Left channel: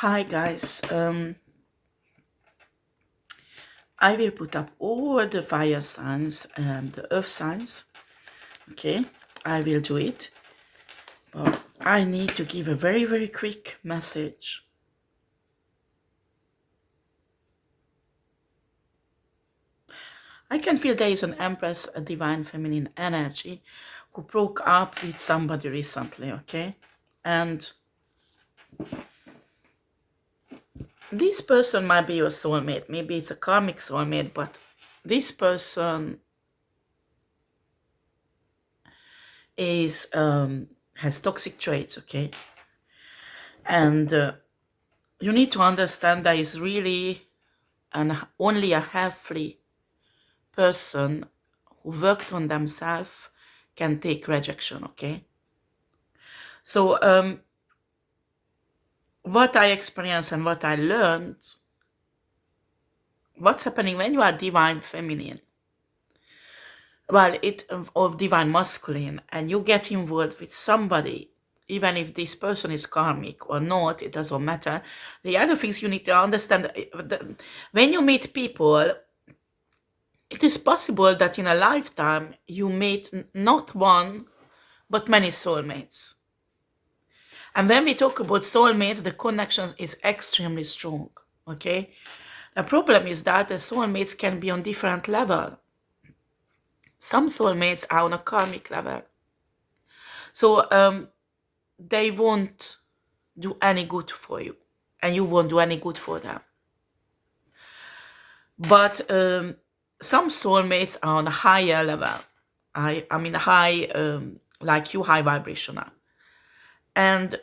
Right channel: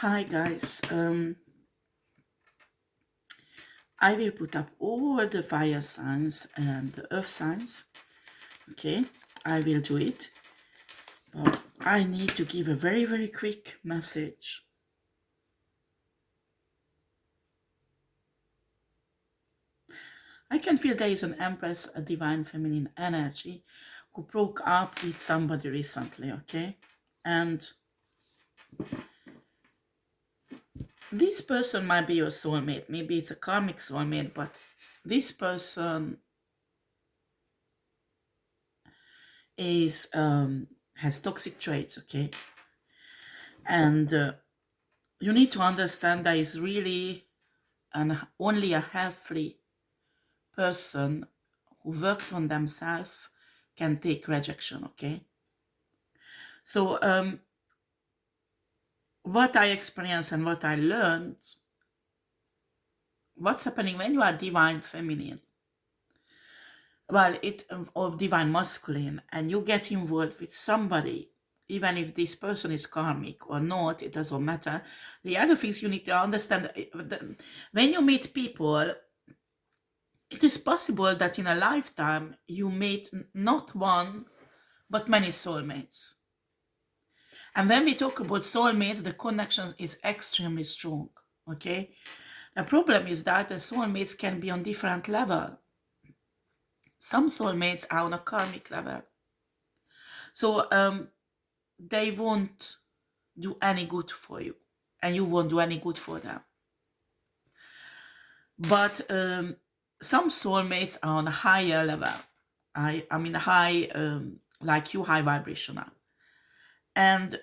Hi guys, I will put up all the fire signs and the earth signs. Okay, I will do it, but I need to give a very quick message. I can feel there is an Empress, a divine feminine energy, who broke up with somebody recently. Okay, and this person might be your soulmate. Maybe it's a karmic soulmate, but this person is has toxic traits. Okay, and you need to understand that is really only a healthy person who worked on themselves can take rejection. Okay, so what I experienced and what I learned, what's happening when you are divine feminine, well, or divine masculine, and you get involved with somebody, even if this person is karmic or not, it doesn't matter. The other things you need to understand, when you meet people, it is possible that in a lifetime you meet not one, but many soulmates. And when we talk about soulmates, the connection is extremely strong. Okay? The problem is that the soulmates can be on different level. Some soulmates are on a karmic level. So they won't do any good for you. And you won't do any good for them. But some soulmates are on a higher level. I mean high, like you, high vibrational. And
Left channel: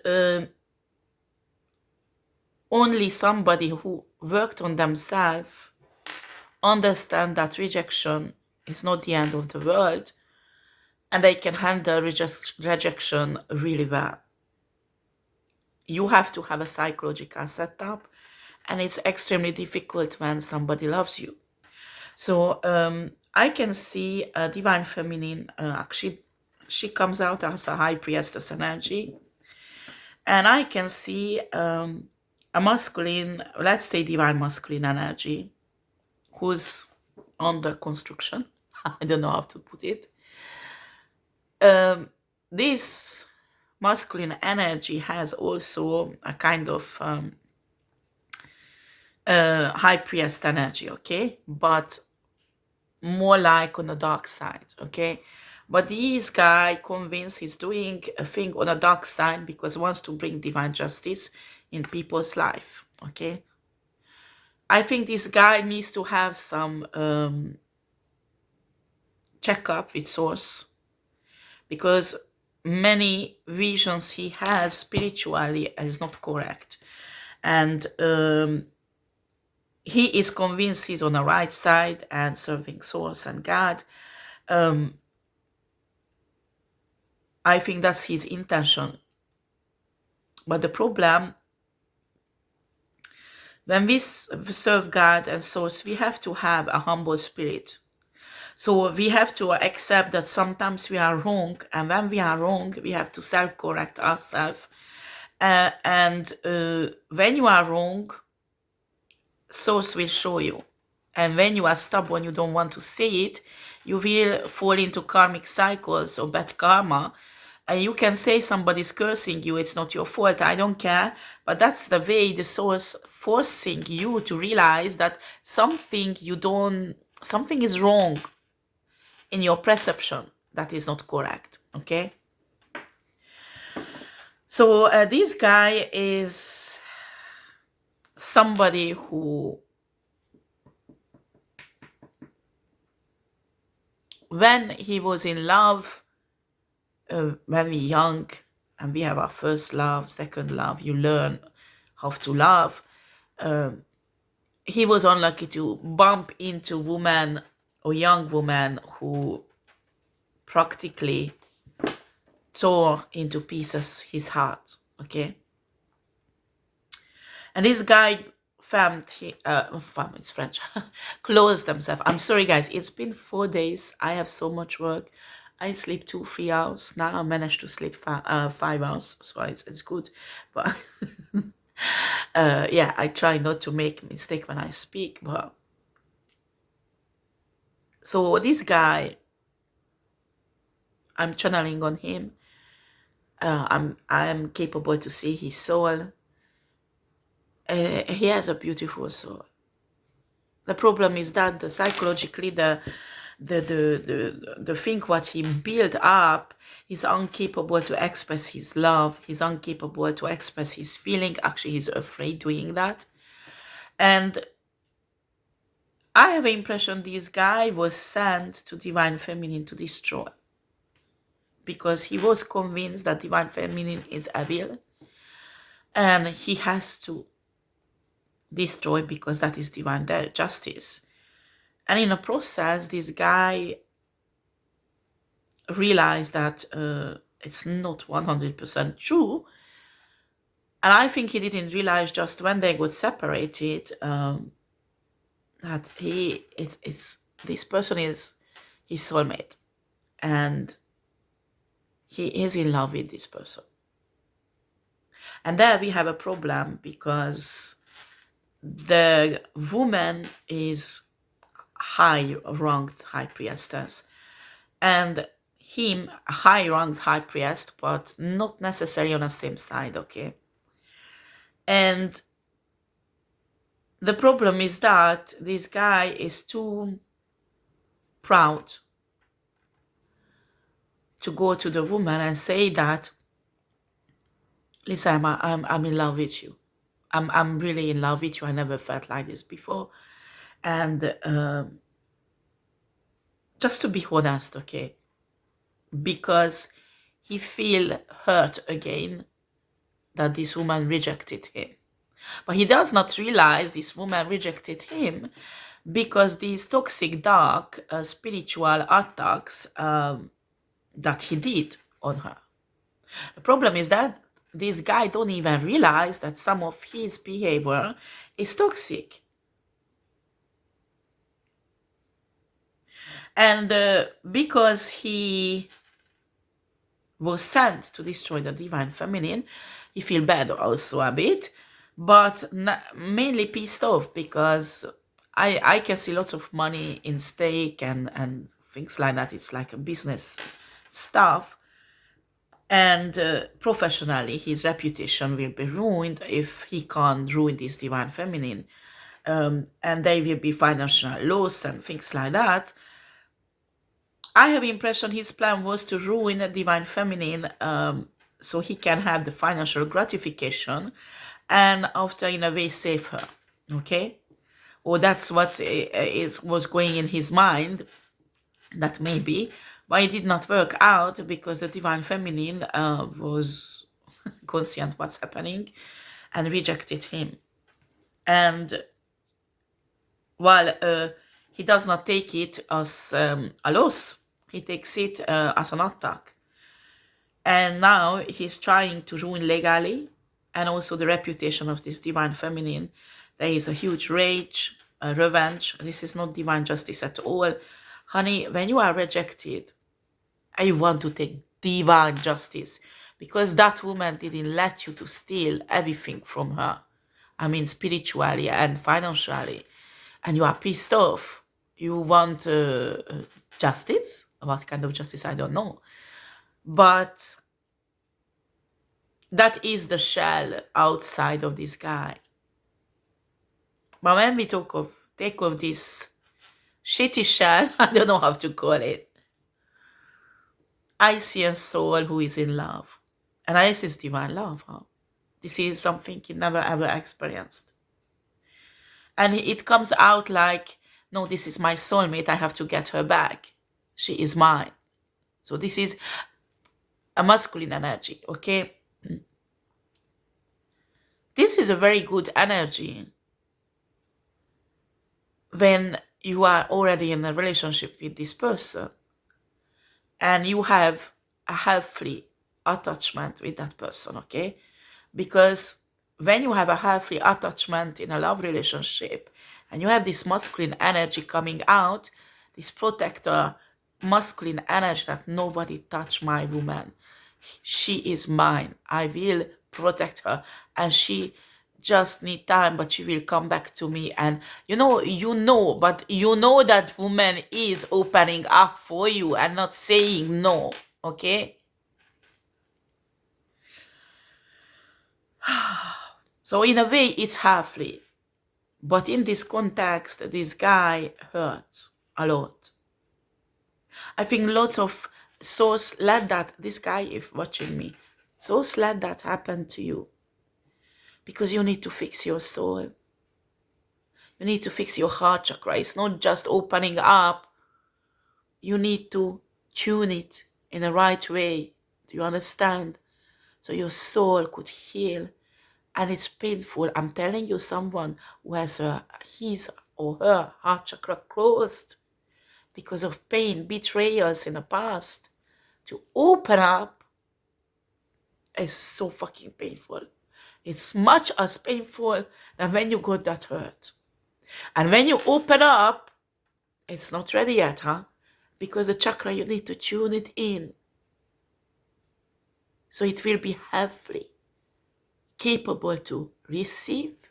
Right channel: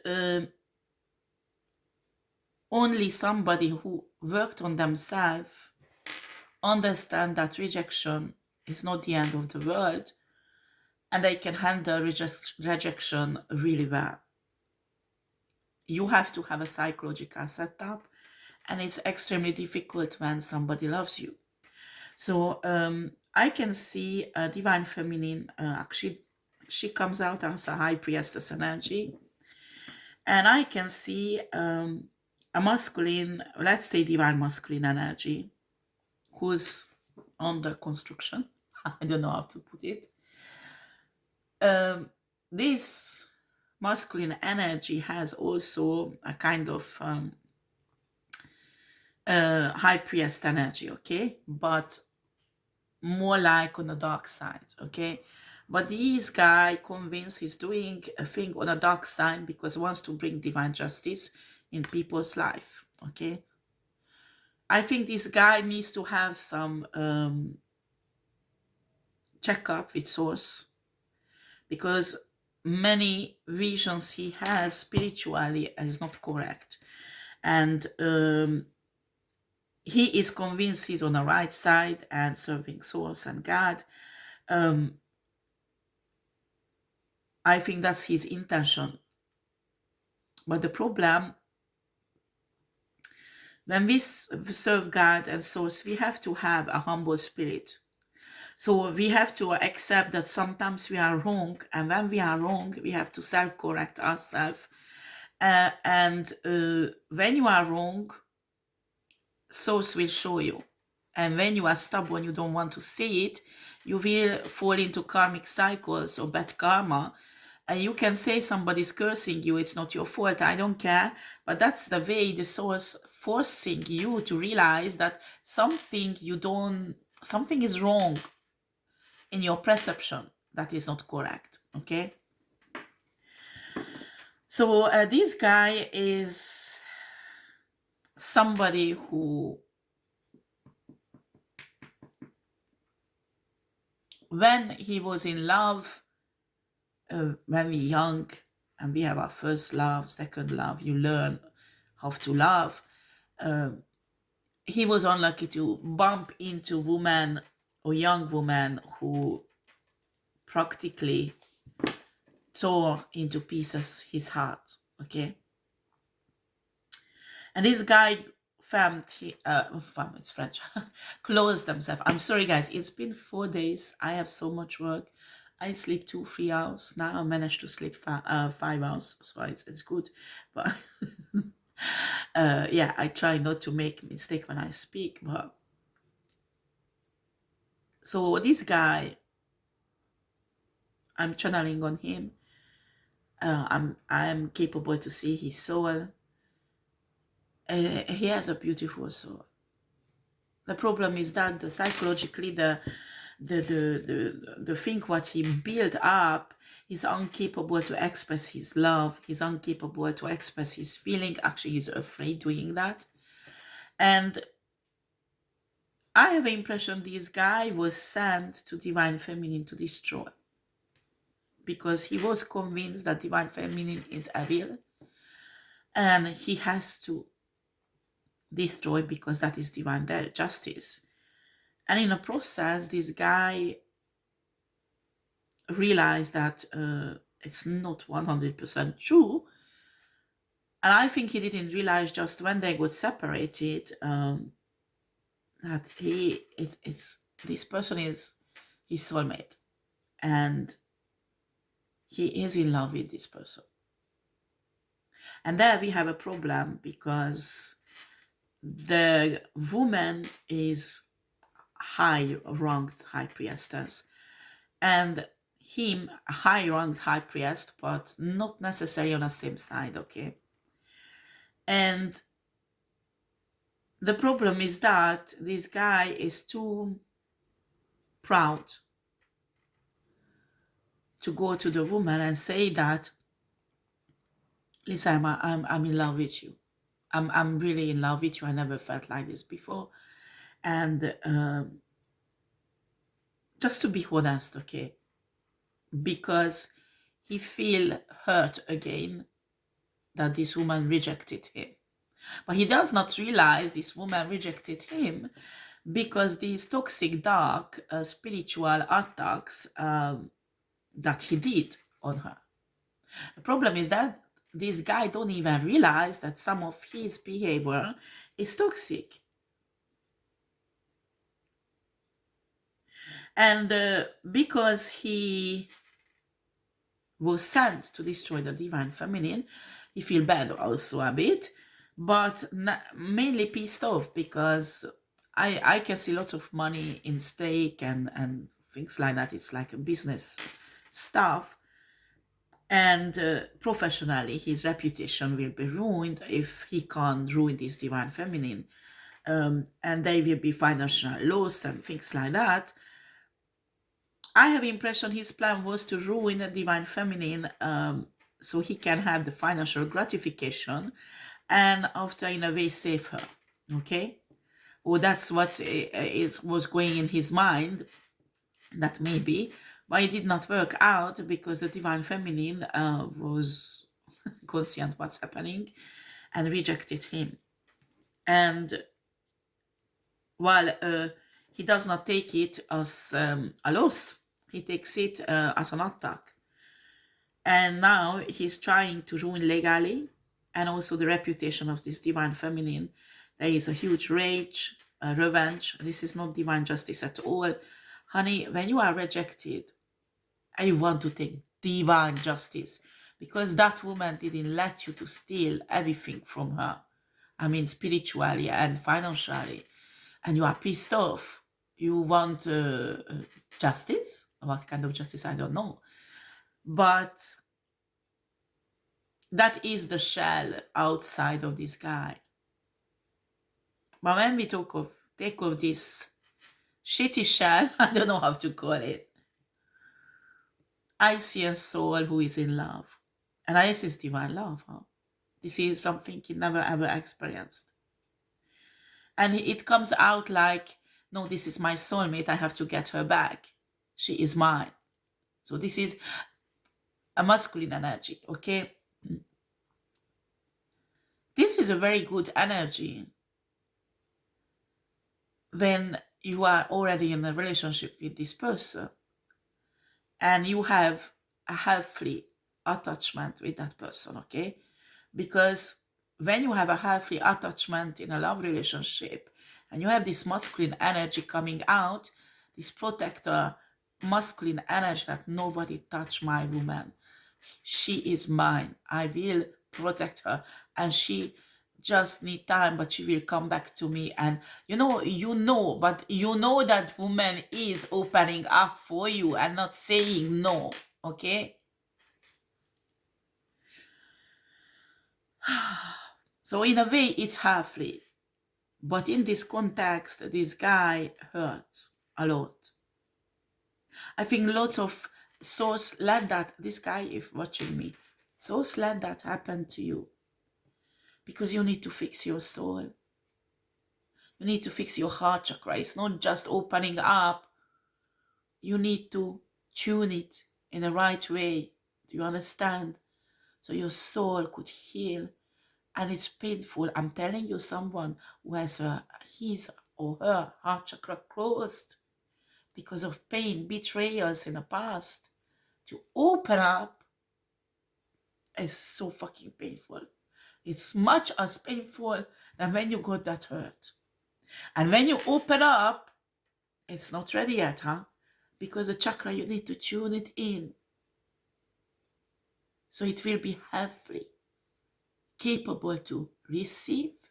only somebody who worked on themselves understand that rejection is not the end of the world, and they can handle rejection really well. You have to have a psychological setup, and it's extremely difficult when somebody loves you. So I can see a divine feminine, actually she comes out as a high priestess energy, and I can see a masculine, let's say divine masculine energy, who's under construction. I don't know how to put it. This masculine energy has also a kind of high priest energy, okay? But more like on the dark side, okay? But this guy convinced he's doing a thing on a dark side because he wants to bring divine justice in people's life, okay? I think this guy needs to have some checkup with source, because many visions he has spiritually is not correct, and he is convinced he's on the right side and serving source and God. I think that's his intention. But the problem, when we serve God and source, we have to have a humble spirit. So we have to accept that sometimes we are wrong, and when we are wrong, we have to self-correct ourselves. And when you are wrong, source will show you. And when you are stubborn, you don't want to see it, you will fall into karmic cycles or bad karma. And you can say somebody's cursing you, it's not your fault, I don't care. But that's the way the source forcing you to realize that something is wrong in your perception, that is not correct, okay? So this guy is somebody who, when he was in love, when we're young and we have our first love, second love, you learn how to love. He was unlucky to bump into woman or young woman who practically tore into pieces his heart, okay? And this guy it's French, closed themselves. I'm sorry, guys. It's been 4 days. I have so much work. I sleep 2-3 hours. Now I managed to sleep 5 hours, so it's good. But Yeah, I try not to make mistake when I speak, but so this guy, I'm channeling on him. I'm capable to see his soul. He has a beautiful soul. The problem is that psychologically the thing what he built up is incapable to express his love. He's incapable to express his feeling. Actually, he's afraid doing that. And I have the impression this guy was sent to Divine Feminine to destroy, because he was convinced that Divine Feminine is evil and he has to destroy because that is divine justice. And in a process, this guy realized that it's not 100% true. And I think he didn't realize just when they got separated that this person is his soulmate, and he is in love with this person. And there we have a problem, because the woman is high-ranked high priestess, and him a high-ranked high priest, but not necessarily on the same side, okay? And the problem is that this guy is too proud to go to the woman and say that, listen, I'm in love with you. I'm really in love with you. I never felt like this before. And just to be honest, okay, because he feel hurt again that this woman rejected him. But he does not realize this woman rejected him because these toxic, dark, spiritual attacks that he did on her. The problem is that this guy don't even realize that some of his behavior is toxic. And because he was sent to destroy the divine feminine, he feel bad also a bit, but mainly pissed off, because I can see lots of money in stake and things like that. It's like a business stuff. And professionally, his reputation will be ruined if he can't ruin this divine feminine. And there will be financial loss and things like that. I have the impression his plan was to ruin the divine feminine so he can have the financial gratification and after, in a way, save her. Okay? Or that's what was going in his mind, that maybe. But it did not work out because the divine feminine was conscient what's happening and rejected him. And while he does not take it as a loss, he takes it as an attack. And now he's trying to ruin legally and also the reputation of this divine feminine. There is a huge rage, a revenge. This is not divine justice at all. Honey, when you are rejected, I want to take divine justice, because that woman didn't let you to steal everything from her. I mean, spiritually and financially. And you are pissed off. You want justice? What kind of justice? I don't know. But that is the shell outside of this guy. But when we take off this shitty shell, I don't know how to call it, I see a soul who is in love. And this is divine love. Huh? This is something he never ever experienced. And it comes out like, no, this is my soulmate. I have to get her back. She is mine. So this is a masculine energy, okay? This is a very good energy when you are already in a relationship with this person and you have a healthy attachment with that person, okay? Because when you have a healthy attachment in a love relationship and you have this masculine energy coming out, this protector masculine energy that nobody touch my woman, she is mine, I will protect her, and she just need time, but she will come back to me. And but you know that woman is opening up for you and not saying no. Okay. So in a way it's halfly, but in this context this guy hurts a lot. I think lots of souls let that, this guy if watching me, souls let that happen to you because you need to fix your soul. You need to fix your heart chakra. It's not just opening up. You need to tune it in the right way. Do you understand? So your soul could heal. And it's painful. I'm telling you, someone who has his or her heart chakra closed because of pain, betrayals in the past, to open up is so fucking painful. It's much as painful than when you got that hurt. And when you open up, it's not ready yet, huh? Because the chakra, you need to tune it in. So it will be healthy, capable to receive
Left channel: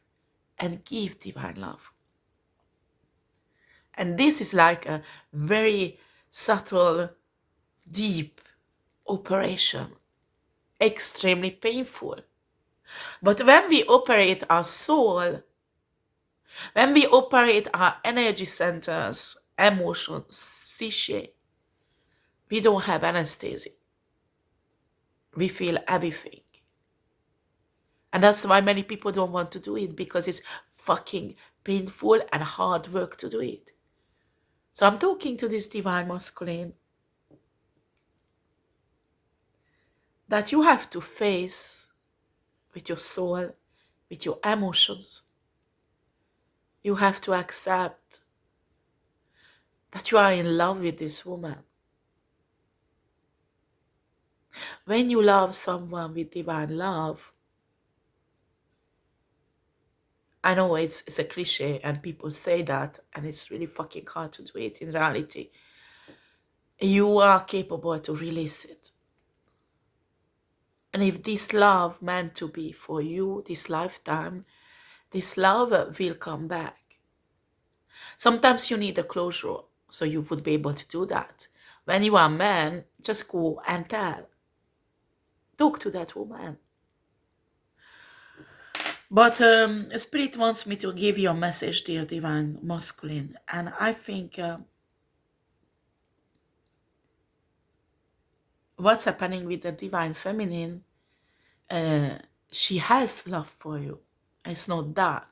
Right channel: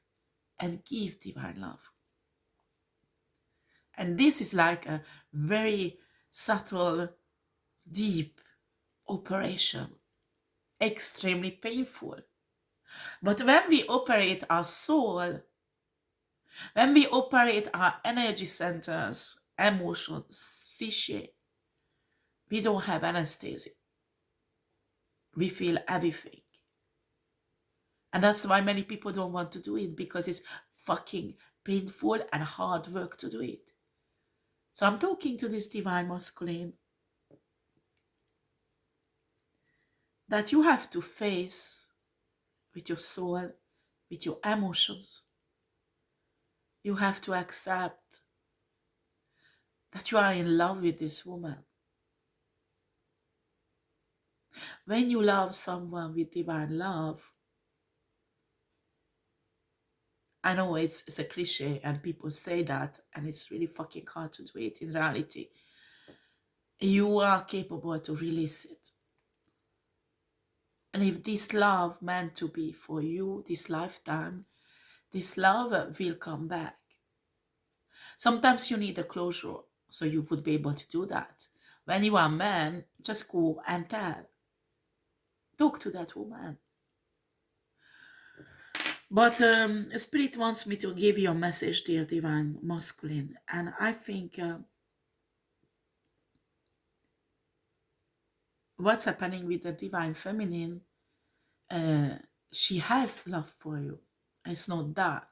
and give divine love. And this is like a very subtle, deep operation, extremely painful. But when we operate our soul, when we operate our energy centers, emotions, psyche, we don't have anesthesia. We feel everything. And that's why many people don't want to do it, because it's fucking painful and hard work to do it. So I'm talking to this divine masculine that you have to face with your soul, with your emotions. You have to accept that you are in love with this woman. When you love someone with divine love, I know it's a cliche and people say that, and it's really fucking hard to do it in reality. You are capable to release it. And if this love meant to be for you this lifetime, this love will come back. Sometimes you need a closure, so you would be able to do that. When you are a man, just go and tell. Talk to that woman. But Spirit wants me to give you a message, dear divine masculine. And I think what's happening with the divine feminine, she has love for you. It's not that.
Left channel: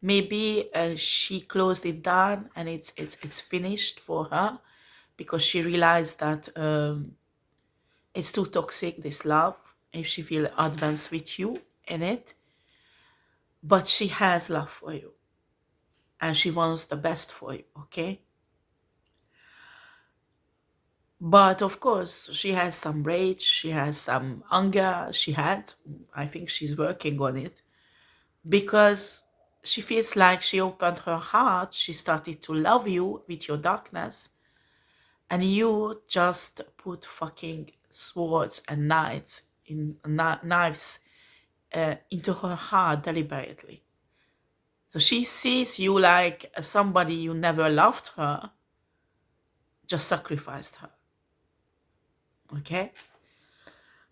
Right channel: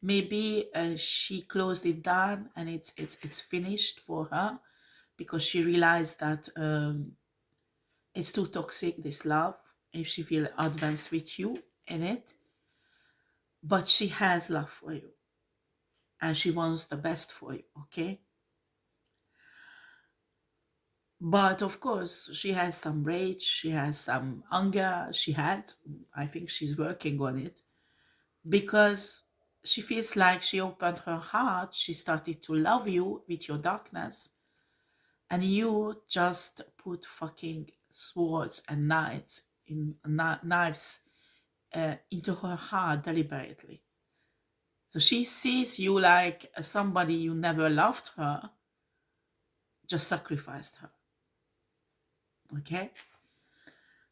Maybe she closed it down and it's finished for her because she realized that it's too toxic, this love, if she will advance with you in it. But she has love for you and she wants the best for you, okay? But of course, she has some rage, she has some anger, I think she's working on it, because she feels like she opened her heart, she started to love you with your darkness, and you just put fucking swords and knives into her heart deliberately. So she sees you like somebody you never loved her, just sacrificed her. Okay?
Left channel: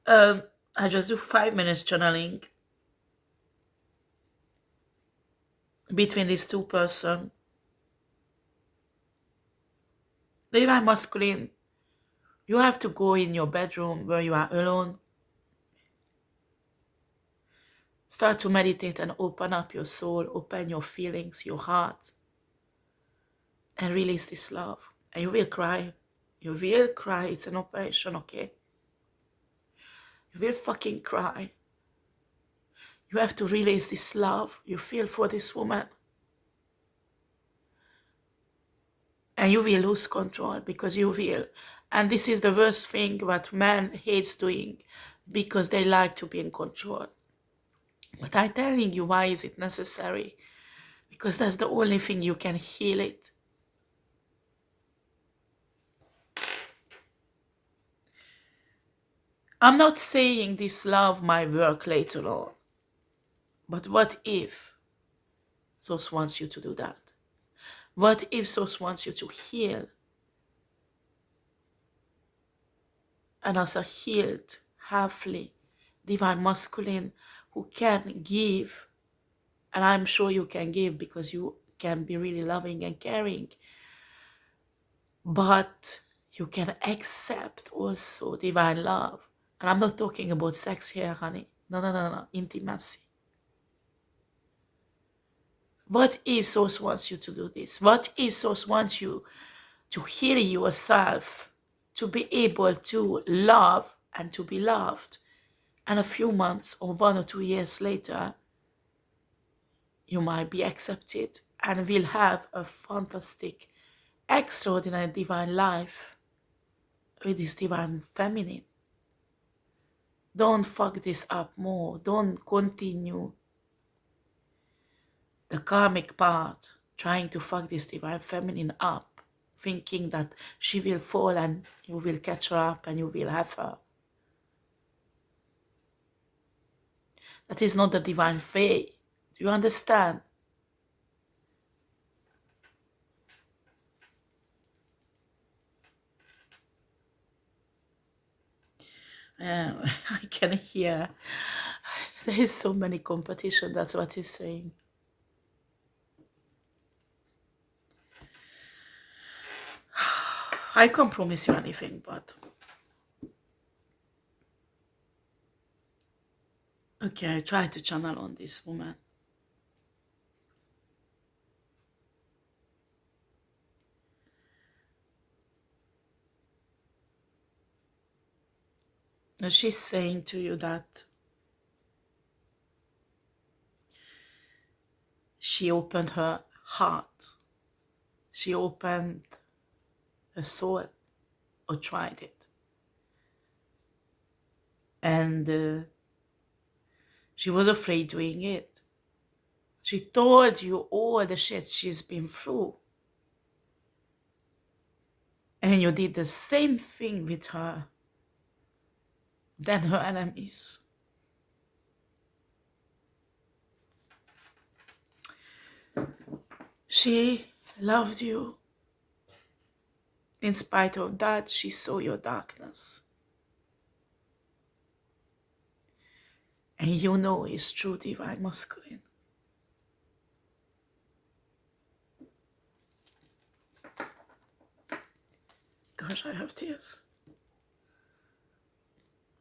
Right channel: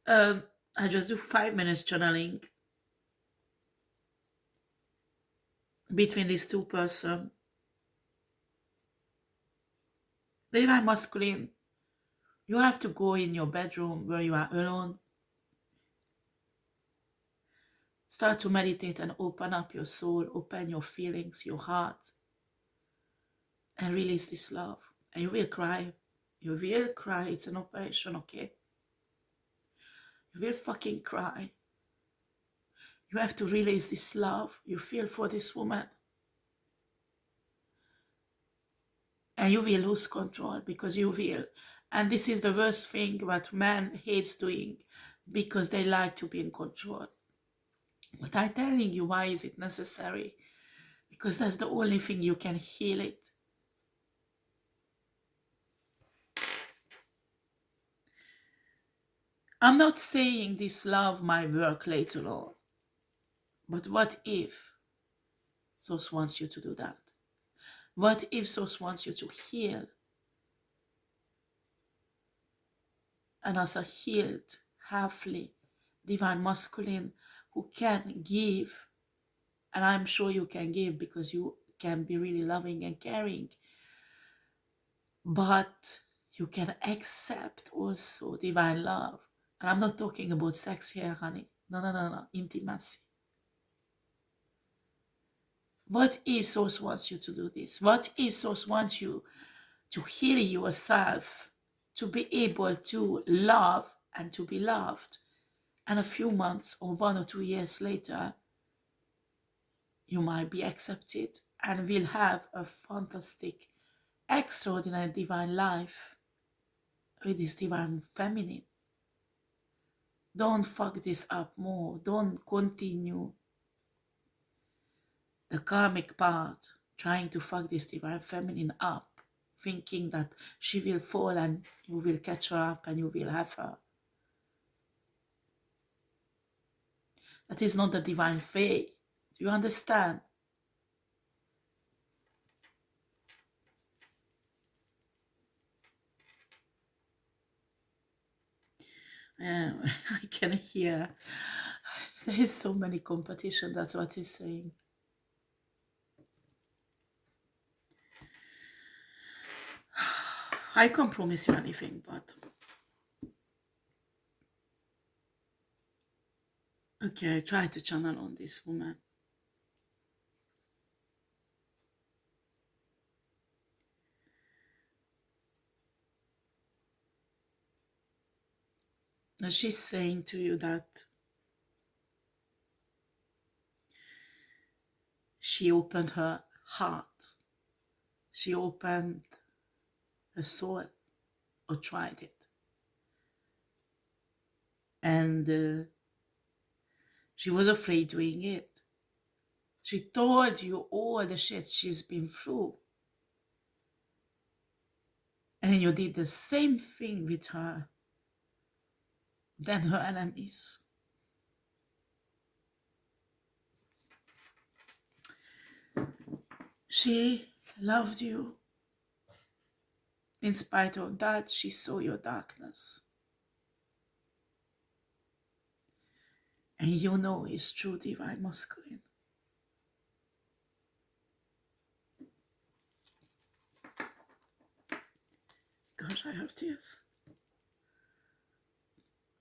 I just do 5 minutes channeling between these two persons. The divine masculine, you have to go in your bedroom where you are alone. Start to meditate and open up your soul, open your feelings, your heart, and release this love. And you will cry. You will cry. It's an operation, okay? You will fucking cry. You have to release this love you feel for this woman. And you will lose control, because you will. And this is the worst thing what man hates doing, because they like to be in control. But I'm telling you, why is it necessary? Because that's the only thing you can heal it. I'm not saying this love might work later on. But what if Source wants you to do that? What if Source wants you to heal? And as a healed, halfly, divine masculine who can give, and I'm sure you can give because you can be really loving and caring, but you can accept also divine love. And I'm not talking about sex here, honey. No, no, no, no. Intimacy. What if Source wants you to do this? What if Source wants you to heal yourself, to be able to love and to be loved? And a few months or 1 or 2 years later, you might be accepted and will have a fantastic, extraordinary divine life with this divine feminine. Don't fuck this up more. Don't continue the karmic path trying to fuck this divine feminine up, thinking that she will fall and you will catch her up and you will have her. That is not the divine way. Do you understand? I can hear there is so many competition. That's what he's saying. I can't promise you anything, but okay, I try to channel on this woman. And she's saying to you that she opened her heart. She opened her soul, or tried it. And she was afraid doing it. She told you all the shit she's been through. And you did the same thing with her. Then her enemies. She loved you. In spite of that, she saw your darkness. And you know it's true divine masculine. Gosh, I have tears.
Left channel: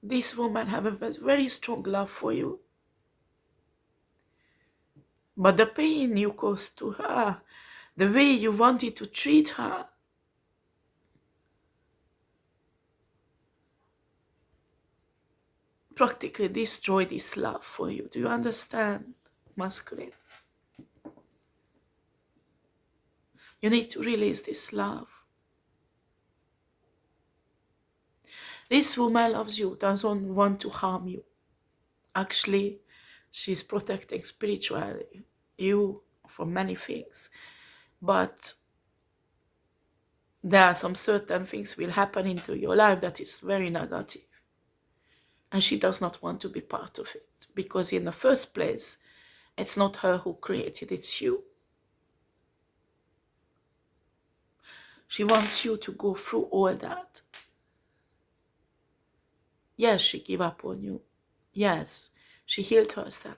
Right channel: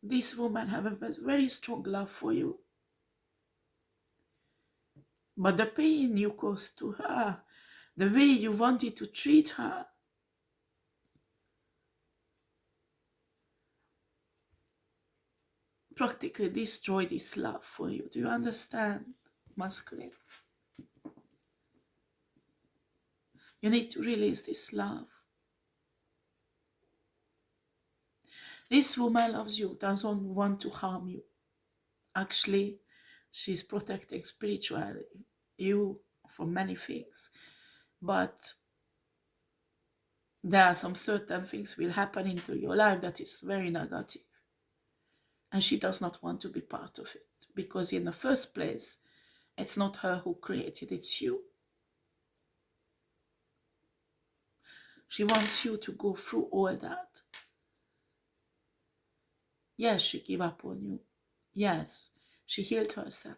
This woman have a very strong love for you. But the pain you caused to her, the way you wanted to treat her, practically destroyed this love for you. Do you understand, masculine? You need to release this love. This woman loves you, doesn't want to harm you. Actually, she's protecting spiritually you from many things. But there are some certain things will happen into your life that is very negative. And she does not want to be part of it. Because in the first place, it's not her who created, it's you. She wants you to go through all that. Yes, she gave up on you. Yes, she healed herself.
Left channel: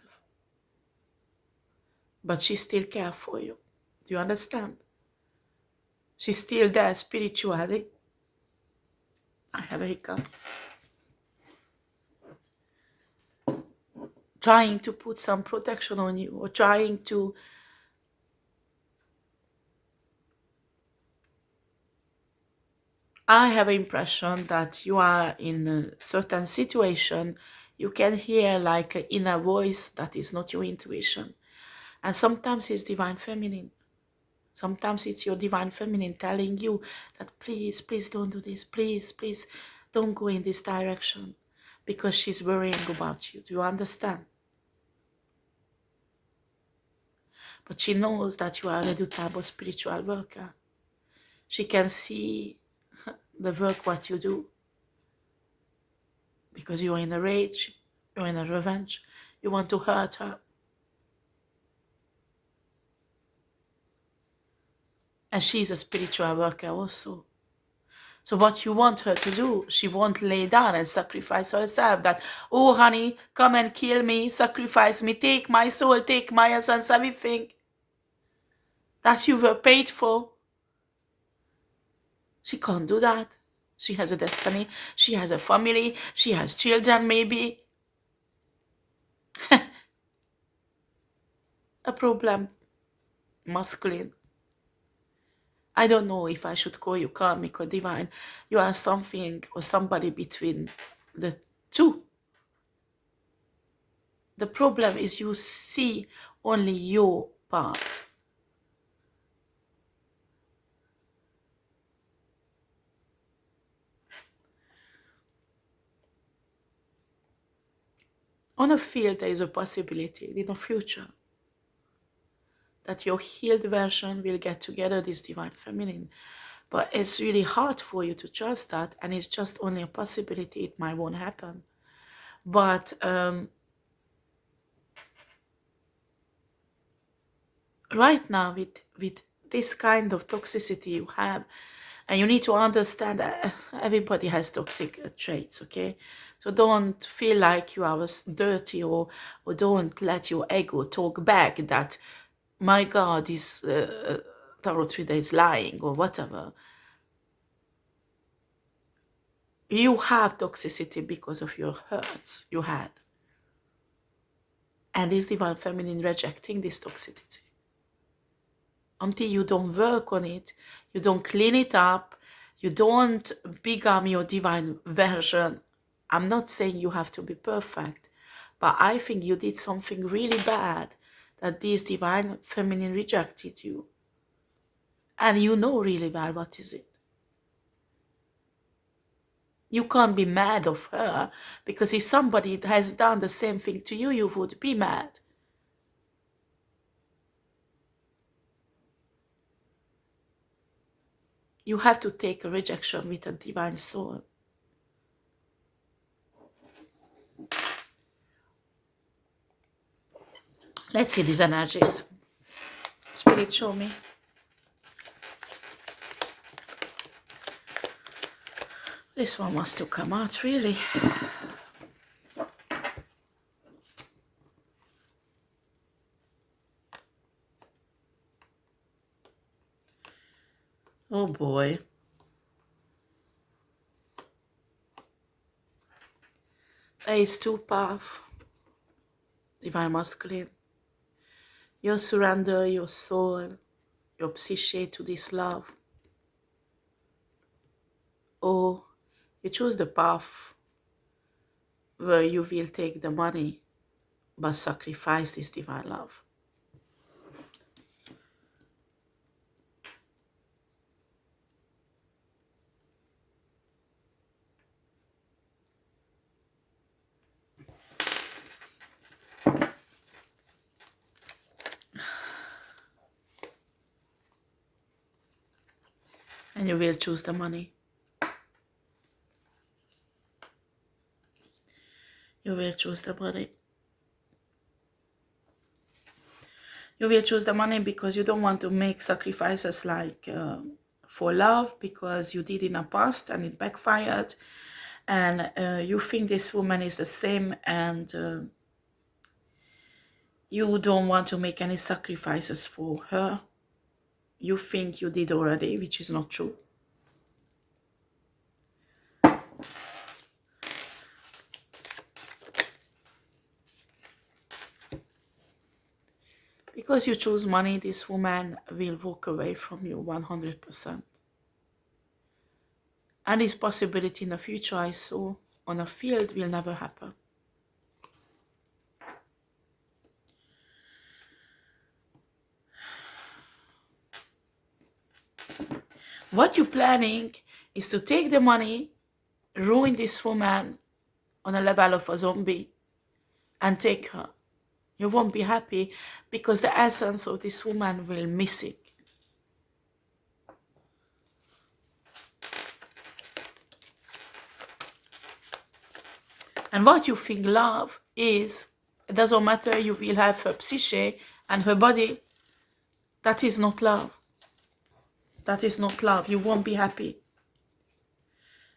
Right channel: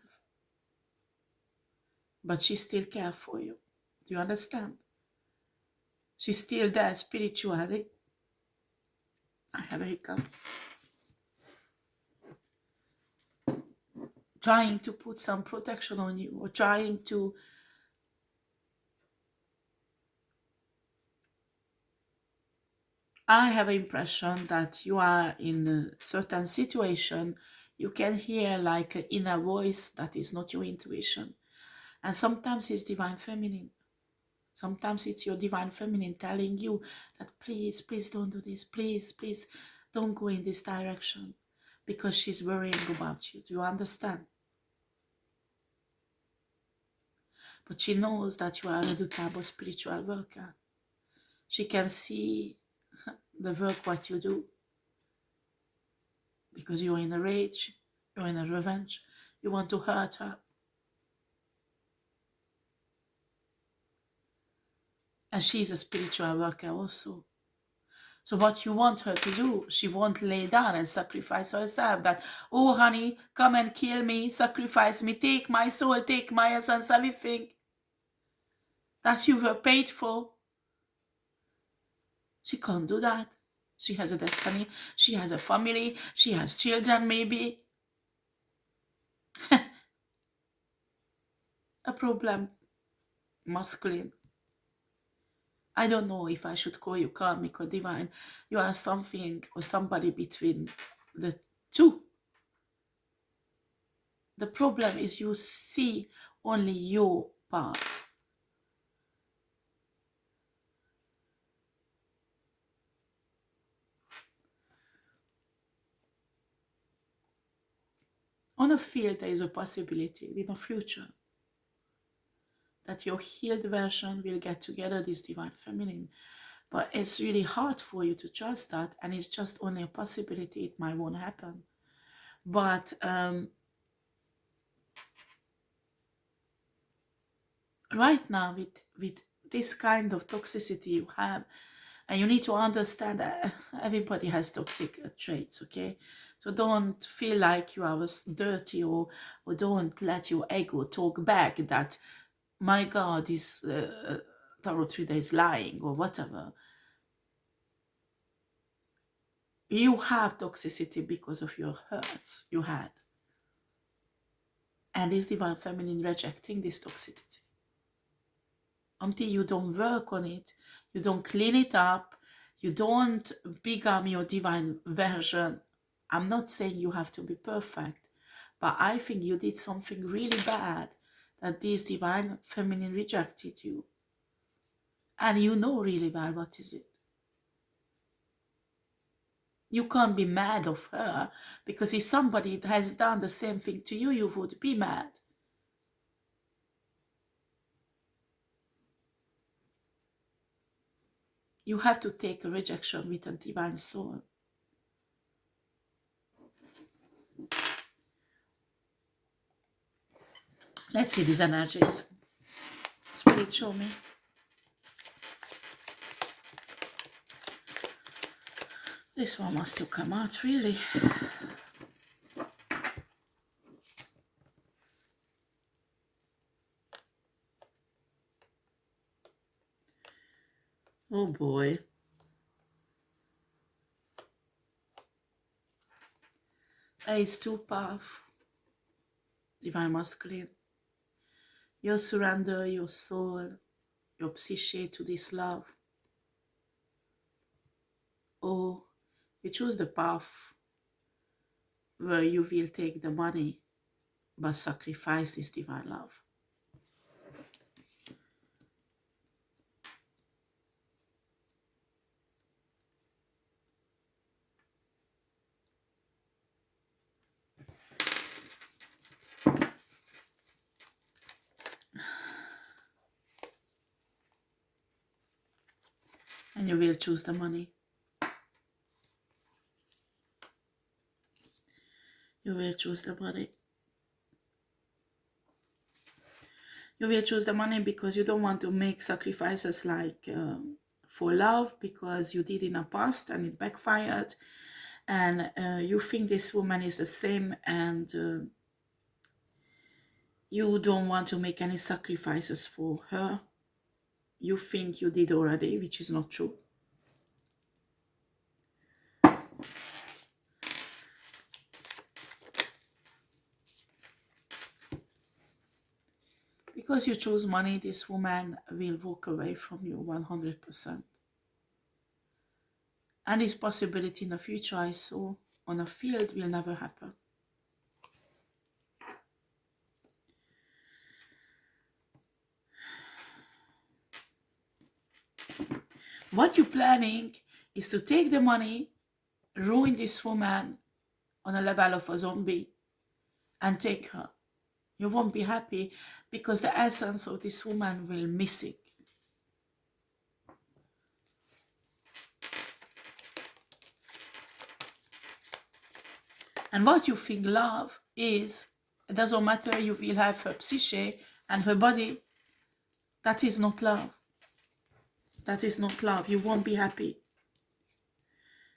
But she still cares for you. Do you understand? She's still there spiritually. I have a hiccup. Trying to put some protection on you, or trying to I have an impression that you are in a certain situation, you can hear like an inner voice that is not your intuition. And sometimes it's divine feminine. Sometimes it's your divine feminine telling you that please, please don't do this. Please, please don't go in this direction. Because she's worrying about you. Do you understand? But she knows that you are a redoutable spiritual worker. She can see the work what you do. Because you're in a rage, you're in a revenge, you want to hurt her. And she's a spiritual worker also. So what you want her to do, she won't lay down and sacrifice herself. That, oh honey, come and kill me, sacrifice me, take my soul, take my essence, everything that you were paid for. She can't do that. She has a destiny. She has a family. She has children, maybe. A problem. Masculine. I don't know if I should call you karmic or divine. You are something or somebody between the two. The problem is you see only your part. On a field, there is a possibility in the future that your healed version will get together this divine feminine. But it's really hard for you to trust that, and it's just only a possibility. It might won't happen. But right now, with this kind of toxicity you have, and you need to understand that everybody has toxic traits, okay? So don't feel like you are dirty, or don't let your ego talk back that, my God, this tarot reader is lying or whatever. You have toxicity because of your hurts you had. And this divine feminine rejecting this toxicity. Until you don't work on it, you don't clean it up, you don't become your divine version. I'm not saying you have to be perfect, but I think you did something really bad that this divine feminine rejected you. And you know really well what is it. You can't be mad of her, because if somebody has done the same thing to you, you would be mad. You have to take a rejection with a divine soul. Let's see these energies. Spirit, show me. This one wants to come out, really. Oh boy. Ace 2 path. Divine masculine. You surrender your soul, your psyche to this love. Or you choose the path where you will take the money but sacrifice this divine love. And you will choose the money. You will choose the money. You will choose the money because you don't want to make sacrifices like for love, because you did in the past and it backfired. And you think this woman is the same, and you don't want to make any sacrifices for her. You think you did already, which is not true. Because you choose money, this woman will walk away from you 100%. And this possibility in the future I saw on a field will never happen. What you're planning is to take the money, ruin this woman on a level of a zombie, and take her. You won't be happy because the essence of this woman will miss it. And what you think love is, it doesn't matter, you will have her psyche and her body. That is not love. That is not love. You won't be happy.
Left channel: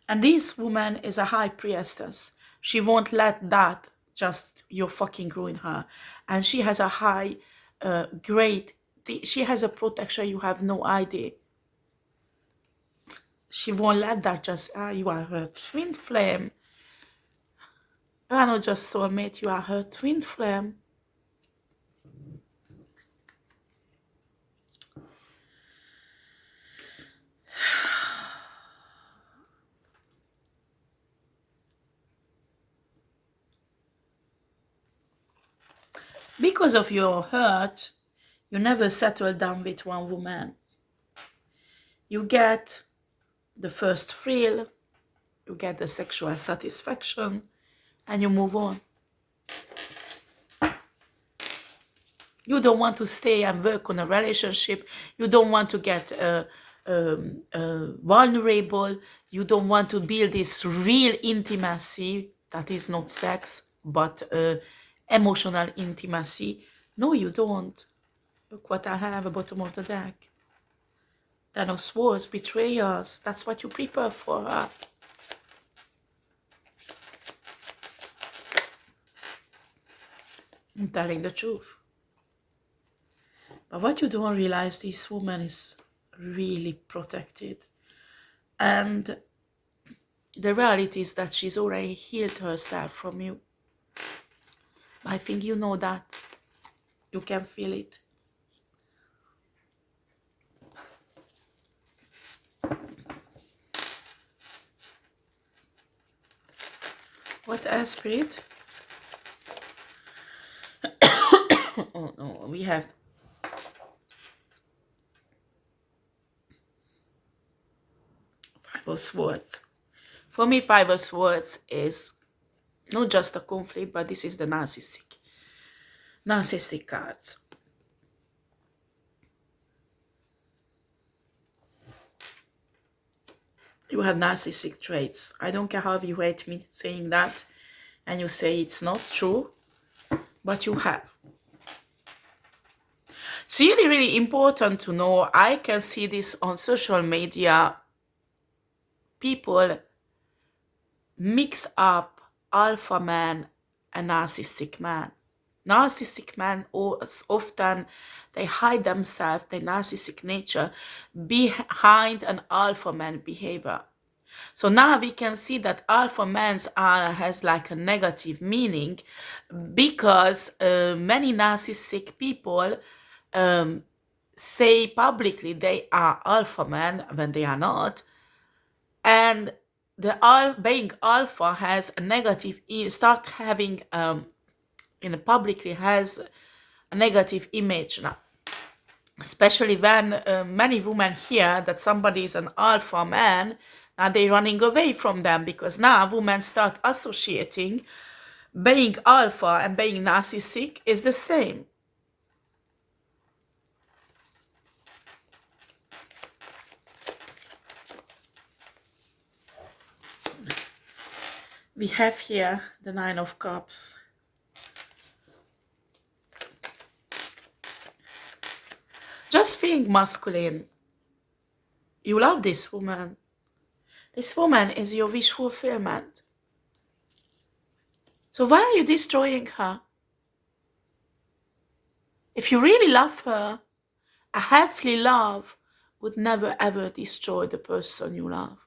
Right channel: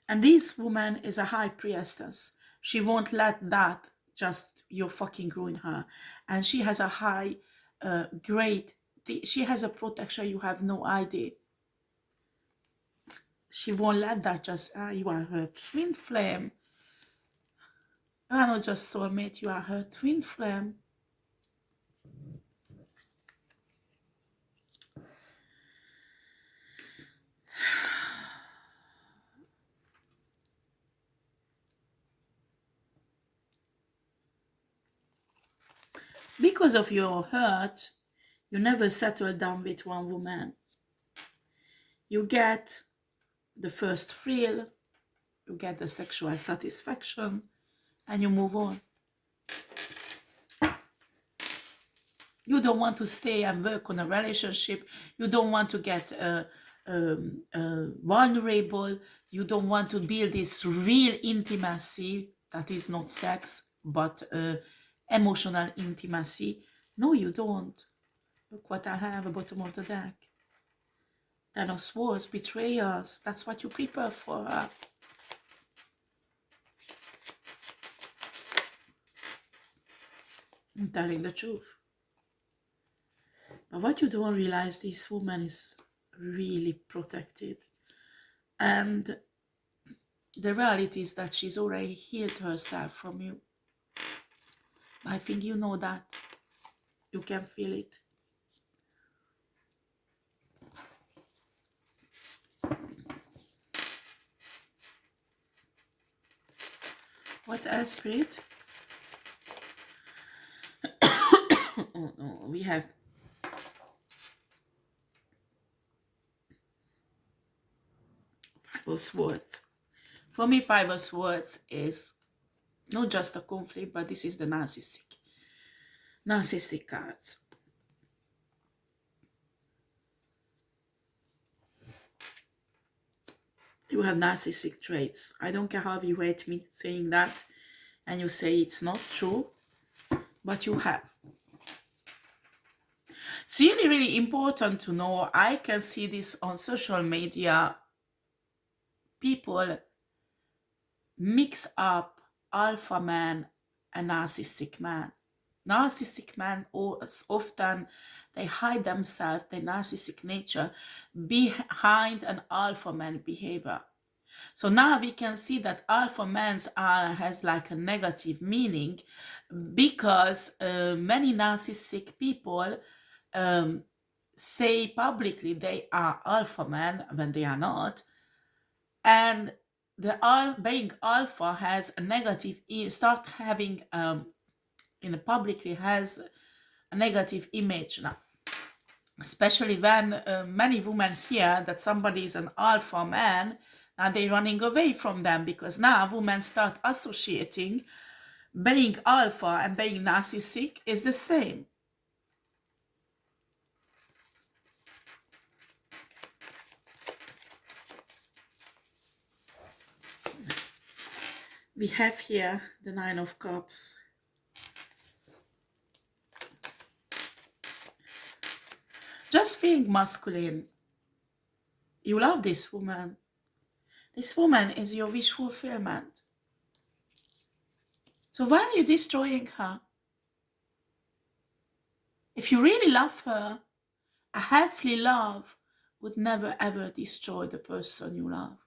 And this woman is a high priestess. She won't let that just you fucking ruin her. And she has a high, great, she has a protection you have no idea. She won't let that just, you are her twin flame. You are not just soulmate, you are her twin flame. Because of your hurt, you never settle down with one woman. You get the first thrill, you get the sexual satisfaction, and you move on. You don't want to stay and work on a relationship. You don't want to get vulnerable. You don't want to build this real intimacy that is not sex, but emotional intimacy. No, you don't. Look what I have at the bottom of the deck. Ten of Swords, betrayals. That's what you prepare for. I'm telling the truth. But what you don't realize, this woman is really protected. And the reality is that she's already healed herself from you. I think you know that. You can feel it. What else, Spirit? Oh no, we have Five of Swords. For me, Five of Swords is not just a conflict, but this is the narcissistic cards. You have narcissistic traits. I don't care how you hate me saying that, and you say it's not true, but you have. It's really, really important to know. I can see this on social media. People mix up alpha man and narcissistic man. Narcissistic men often they hide themselves, their narcissistic nature, behind an alpha man behavior. So now we can see that alpha mans has like a negative meaning, because many narcissistic people say publicly they are alpha men when they are not, and the being alpha has a negative, start having in publicly has a negative image now, especially when many women hear that somebody is an alpha man, and they're running away from them, because now women start associating being alpha and being narcissistic is the same. We have here the Nine of Cups. Just being masculine. You love this woman. This woman is your wish fulfillment. So why are you destroying her? If you really love her, a healthy love would never ever destroy the person you love.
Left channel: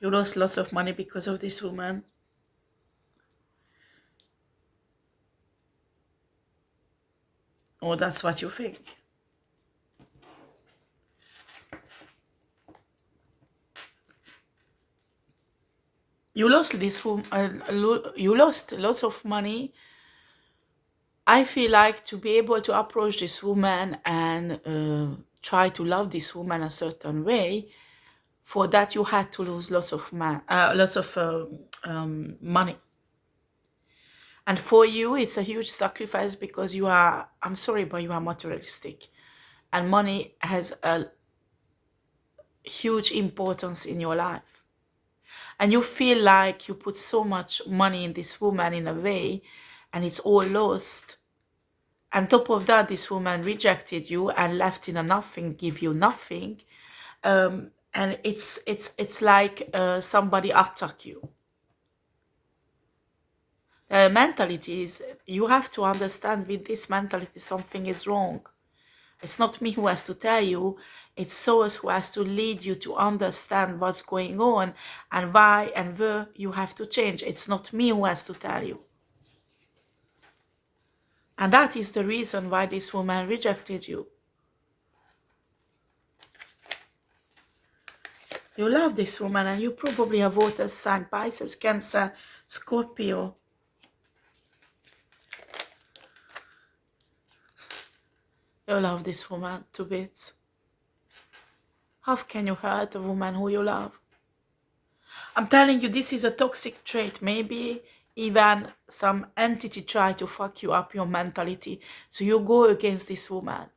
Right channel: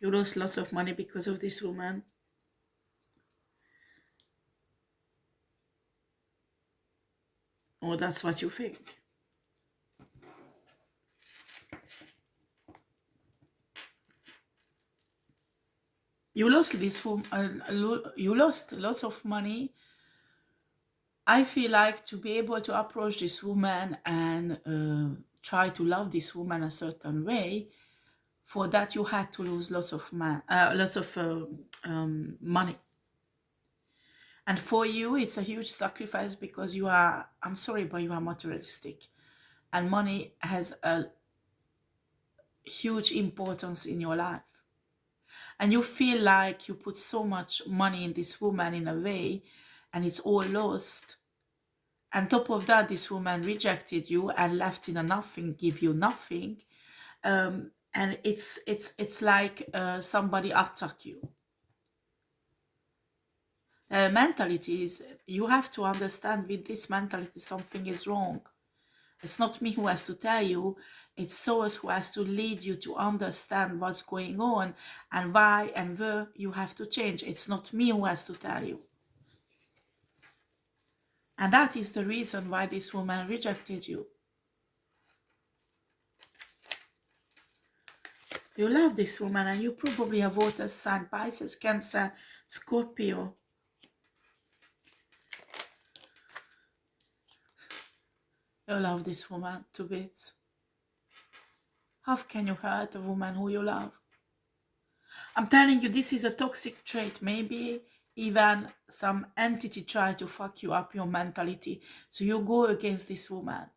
You lost lots of money because of this woman. Or that's what you think. You lost this woman, you lost lots of money. I feel like to be able to approach this woman and try to love this woman a certain way, for that you had to lose lots of money. And for you, it's a huge sacrifice because you are, I'm sorry, but you are materialistic. And money has a huge importance in your life. And you feel like you put so much money in this woman in a way, and it's all lost. On top of that, this woman rejected you and left in a nothing, give you nothing. And it's like somebody attack you. Mentality is, you have to understand with this mentality something is wrong. It's not me who has to tell you, it's source who has to lead you to understand what's going on and why and where you have to change. It's not me who has to tell you. And that is the reason why this woman rejected you. You love this woman, and you probably have water sign, Pisces, Cancer, Scorpio. You love this woman to bits. How can you hurt a woman who you love? I'm telling you, this is a toxic trait. Maybe even some entity try to fuck you up your mentality, so you go against this woman.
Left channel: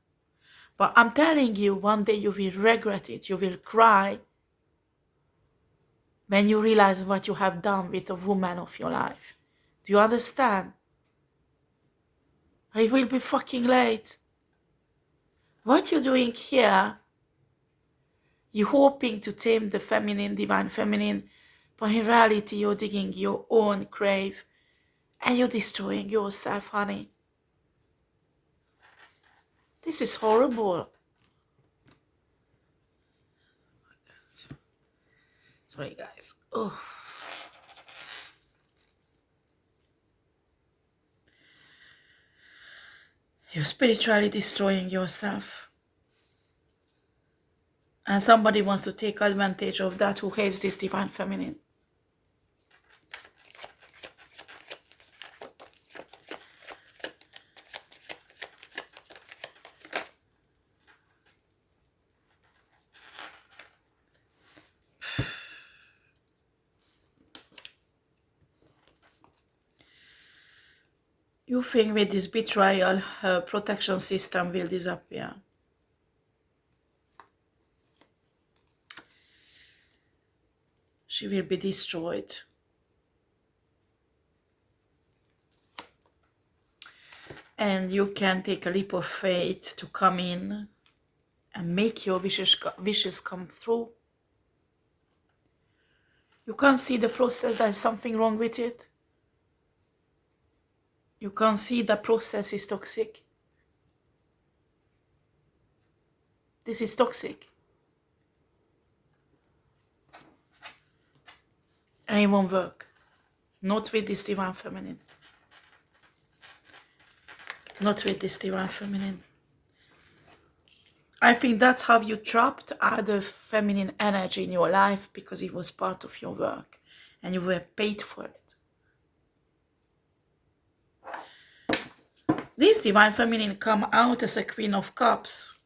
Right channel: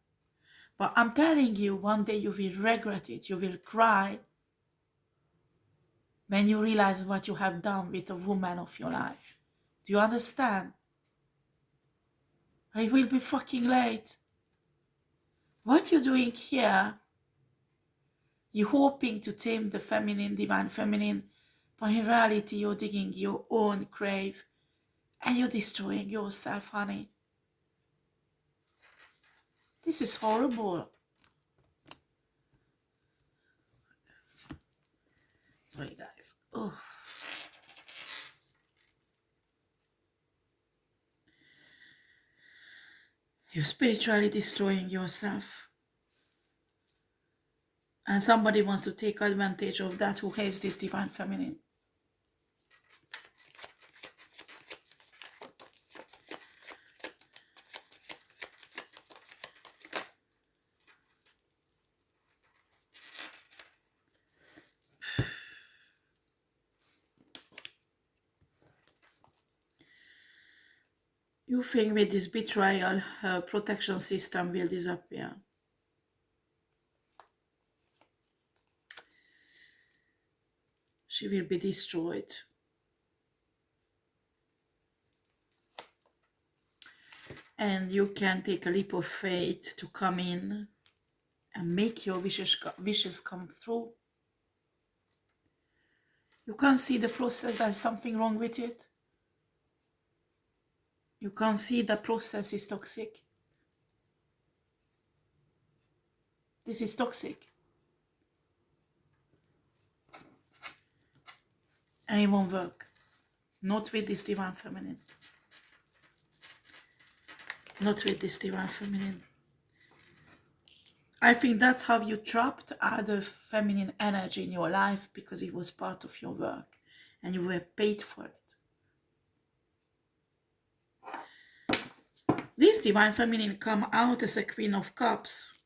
But I'm telling you, one day you will regret it. You will cry when you realize what you have done with a woman of your life. Do you understand? It will be fucking late. What you're doing here, you're hoping to tame the feminine, divine feminine, but in reality you're digging your own grave and you're destroying yourself, honey. This is horrible. Sorry, guys. Oh. You're spiritually destroying yourself. And somebody wants to take advantage of that who hates this divine feminine. You think with this betrayal, her protection system will disappear. She will be destroyed. And you can take a leap of faith to come in and make your wishes come through. You can't see the process, there's something wrong with it. You can't see the process is toxic. This is toxic. And it won't work. Not with this divine feminine. Not with this divine feminine. I think that's how you trapped other feminine energy in your life, because it was part of your work and you were paid for it. This divine feminine come out as a Queen of Cups.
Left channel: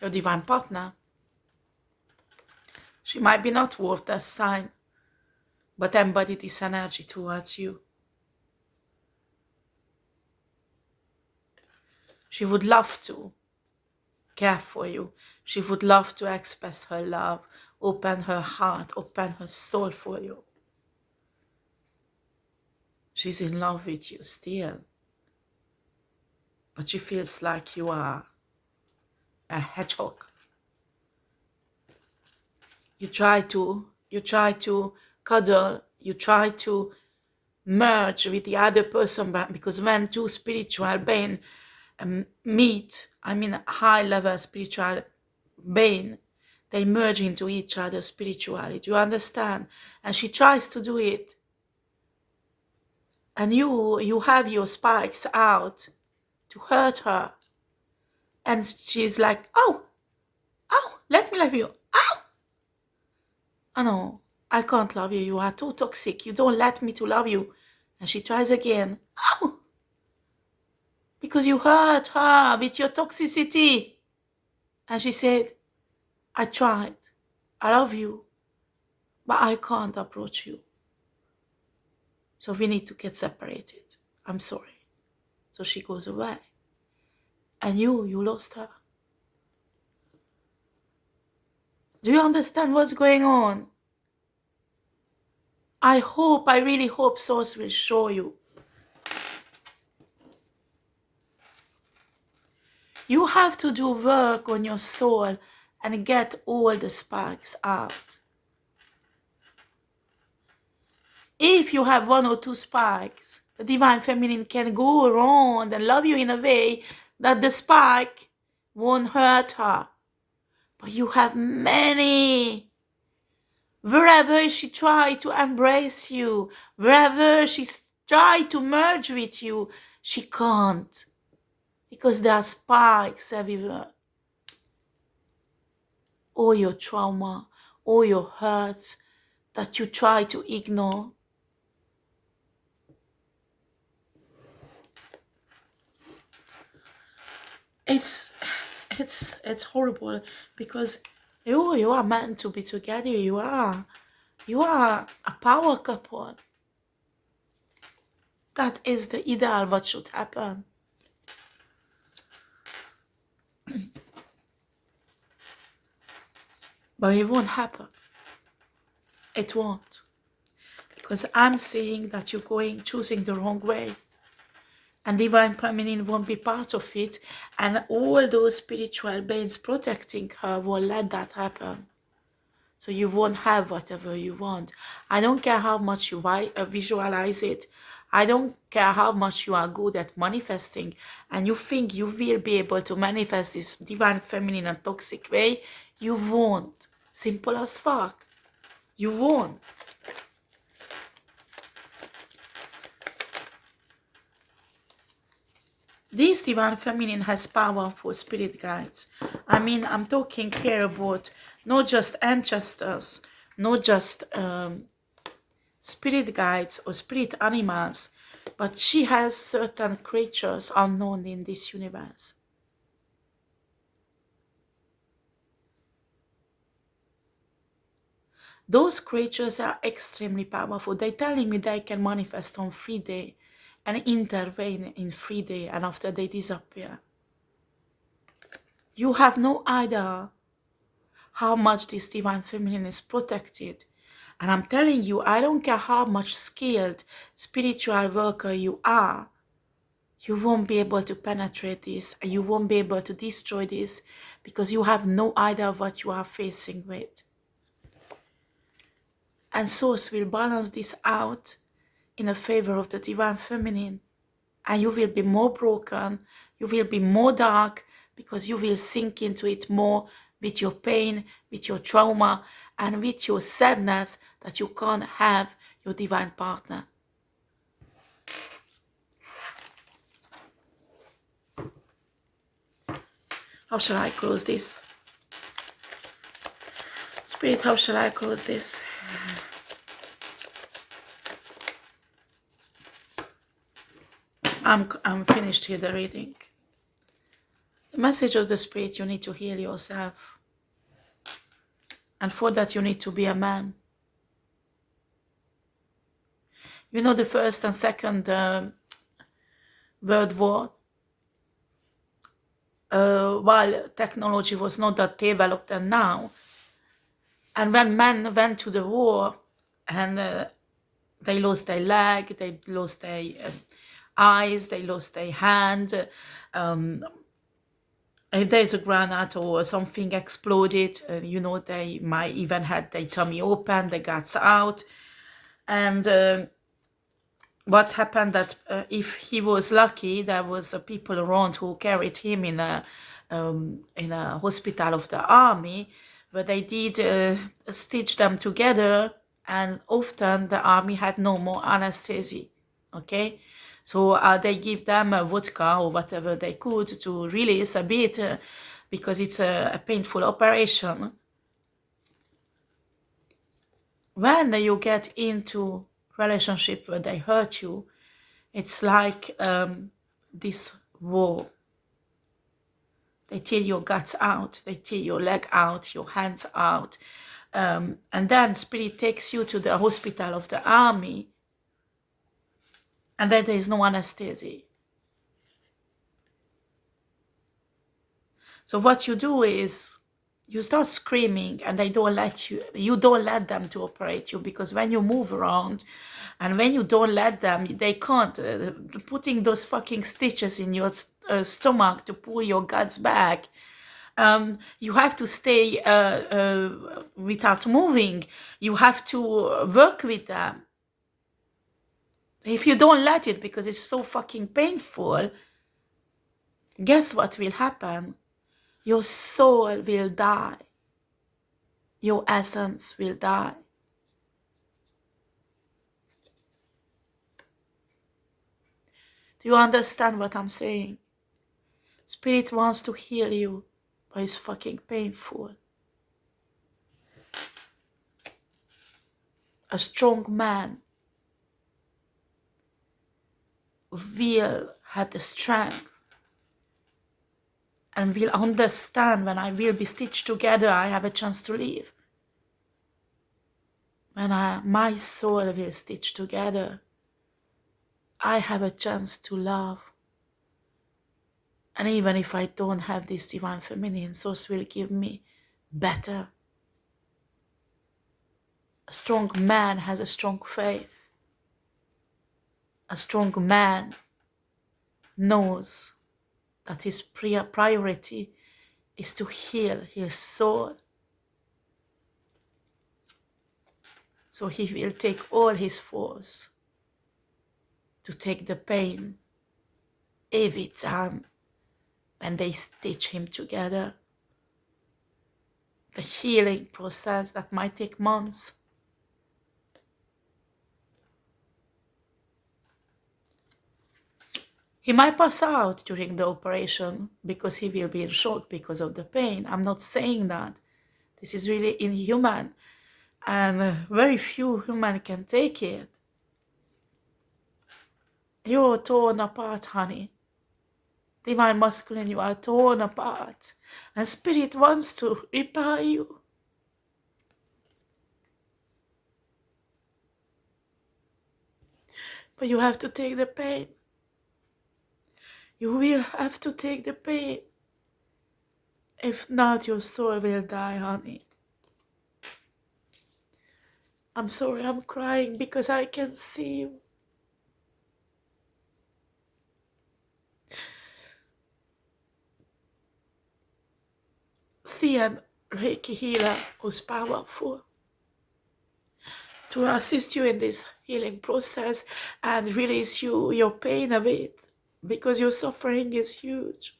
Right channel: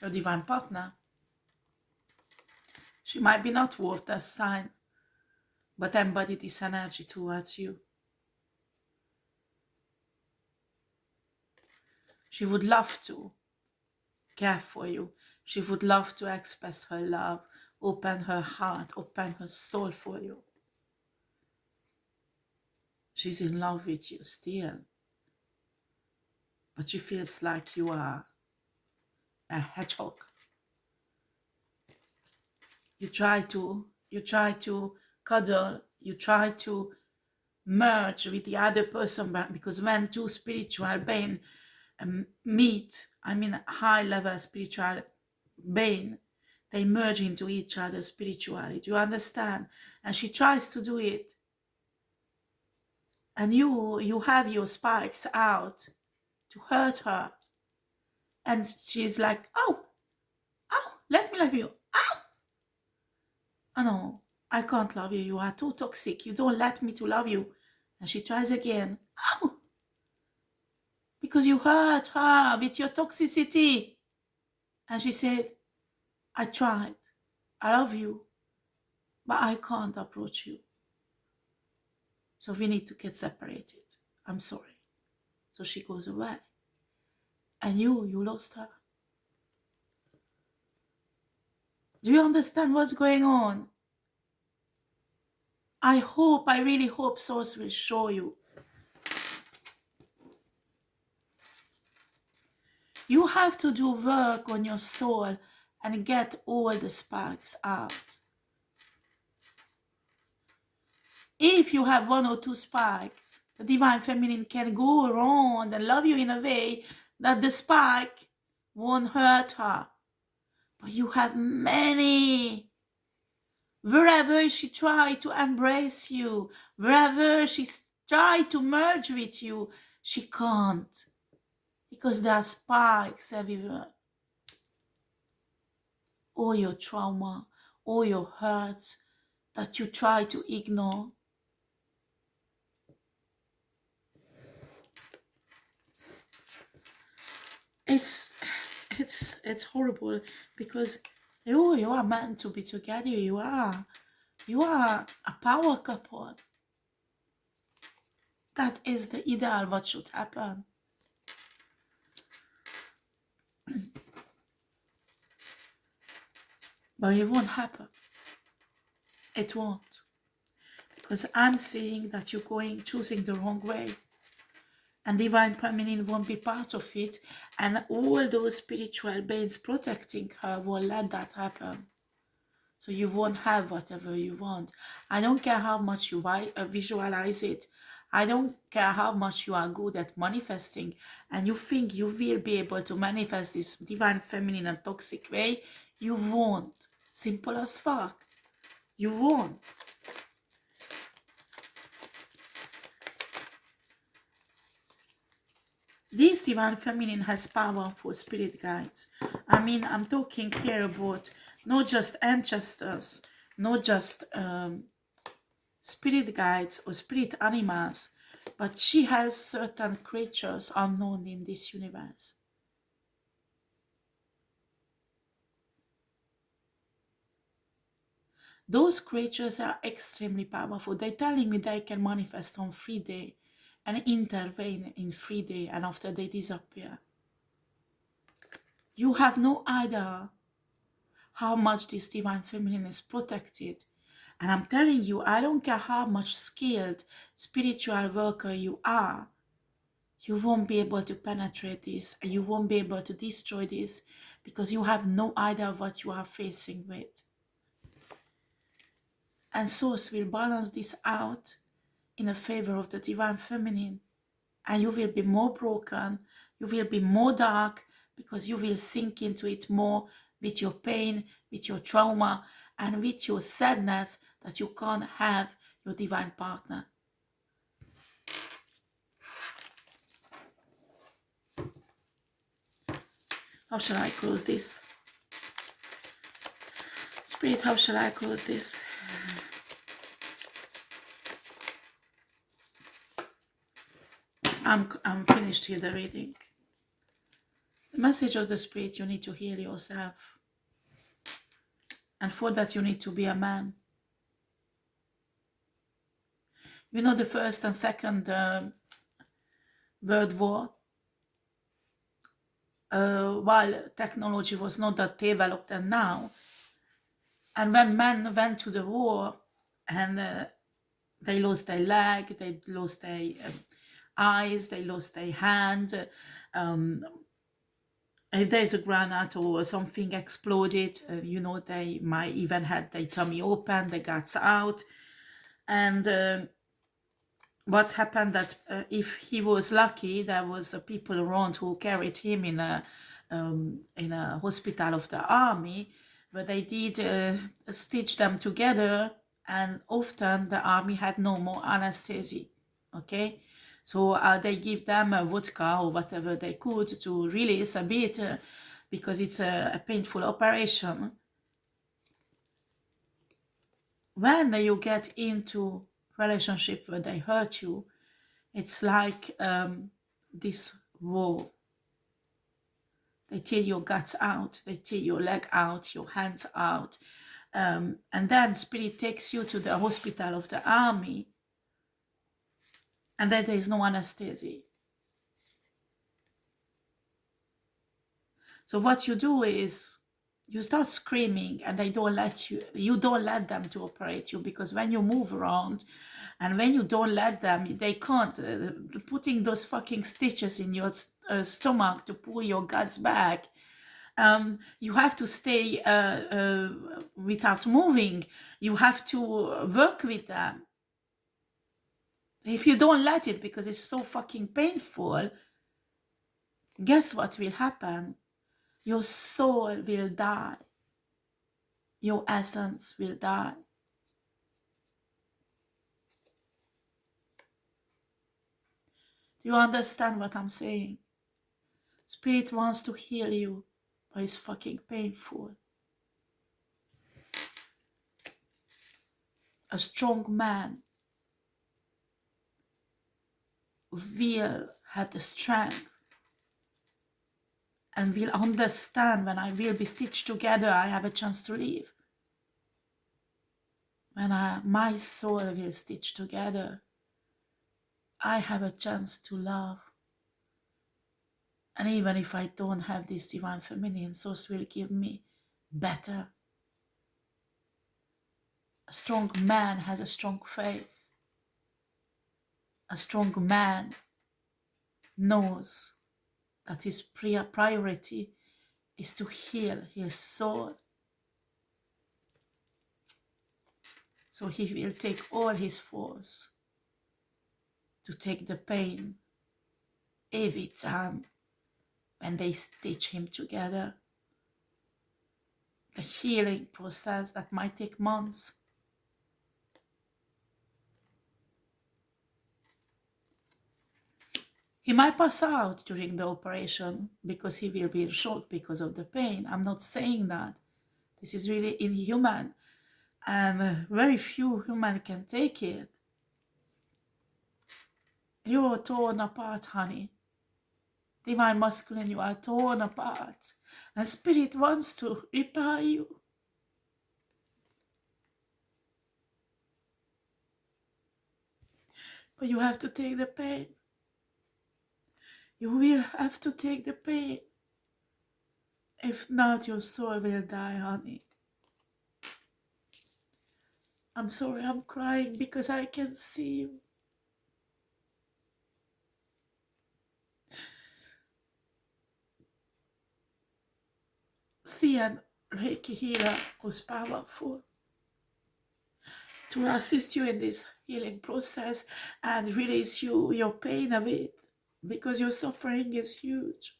Your divine partner. She might be not worth that sign, but embody this energy towards you. She would love to care for you. She would love to express her love, open her heart, open her soul for you. She's in love with you still. But she feels like you are a hedgehog. You try to cuddle, you try to merge with the other person, because when two spiritual beings meet, I mean high-level spiritual being, they merge into each other spiritually. Do you understand? And she tries to do it. And you have your spikes out to hurt her. And she's like, oh, let me love you. Oh no, I can't love you. You are too toxic. You don't let me to love you. And she tries again. Oh, because you hurt her with your toxicity. And she said, I tried. I love you, but I can't approach you. So we need to get separated. I'm sorry. So she goes away. And you lost her. Do you understand what's going on? I really hope Source will show you. You have to do work on your soul and get all the sparks out. If you have 1 or 2 sparks, the Divine Feminine can go around and love you in a way that the spark won't hurt her. But you have many. Wherever she tried to embrace you, wherever she tried to merge with you, she can't. Because there are sparks everywhere. All your trauma, all your hurts that you try to ignore. It's horrible because you are meant to be together. You are a power couple. That is the ideal what should happen. But it won't happen. It won't. Because I'm seeing that you're choosing the wrong way. And Divine Feminine won't be part of it. And all those spiritual beings protecting her won't let that happen. So you won't have whatever you want. I don't care how much you visualize it. I don't care how much you are good at manifesting. And you think you will be able to manifest this Divine Feminine in a toxic way. You won't. Simple as fuck. You won't. This Divine Feminine has powerful spirit guides. I mean, I'm talking here about not just ancestors, not just spirit guides or spirit animals, but she has certain creatures unknown in this universe. Those creatures are extremely powerful. They're telling me they can manifest on 3D and intervene in 3D, and after they disappear. You have no idea how much this Divine Feminine is protected. And I'm telling you, I don't care how much skilled spiritual worker you are, you won't be able to penetrate this, and you won't be able to destroy this, because you have no idea what you are facing with. And Source will balance this out in a favor of the Divine Feminine. And you will be more broken, you will be more dark, because you will sink into it more with your pain, with your trauma, and with your sadness that you can't have your divine partner. How shall I close this? Spirit, how shall I close this? I'm finished here, the reading. The message of the Spirit, you need to heal yourself. And for that, you need to be a man. You know, the First and Second World War, while technology was not that developed and now, and when men went to the war and they lost their leg, they lost their eyes, they lost their hand, if there's a granite or something exploded, you know, they might even had their tummy open, the guts out. And what happened that if he was lucky, there was people around who carried him in a hospital of the army, where they did stitch them together, and often the army had no more anesthesia. Okay, so they give them vodka or whatever they could to release a bit, because it's a painful operation. When you get into relationship where they hurt you, it's like this war. They tear your guts out, they tear your leg out, your hands out, and then Spirit takes you to the hospital of the army, and then there is no anesthesia. So what you do is you start screaming, and they don't let you don't let them to operate you, because when you move around and when you don't let them, they can't. Putting those fucking stitches in your stomach to pull your guts back. You have to stay without moving. You have to work with them. If you don't let it, because it's so fucking painful, guess what will happen? Your soul will die. Your essence will die. Do you understand what I'm saying? Spirit wants to heal you, but it's fucking painful. A strong man will have the strength and will understand when I will be stitched together, I have a chance to live. When my soul will stitch together, I have a chance to love. And even if I don't have this divine feminine, source will give me better. A strong man has a strong faith. A strong man knows that his priority is to heal his soul. So he will take all his force to take the pain every time when they stitch him together. The healing process that might take months. He might pass out during the operation because he will be in shock because of the pain. I'm not saying that. This is really inhuman, and very few humans can take it. You're torn apart, honey. Divine masculine, you are torn apart. And spirit wants to repair you. But you have to take the pain. You will have to take the pain. If not, your soul will die, honey. I'm sorry, I'm crying because I can see you. See an Reiki healer who's powerful to assist you in this healing process and release your pain a bit, because your suffering is huge.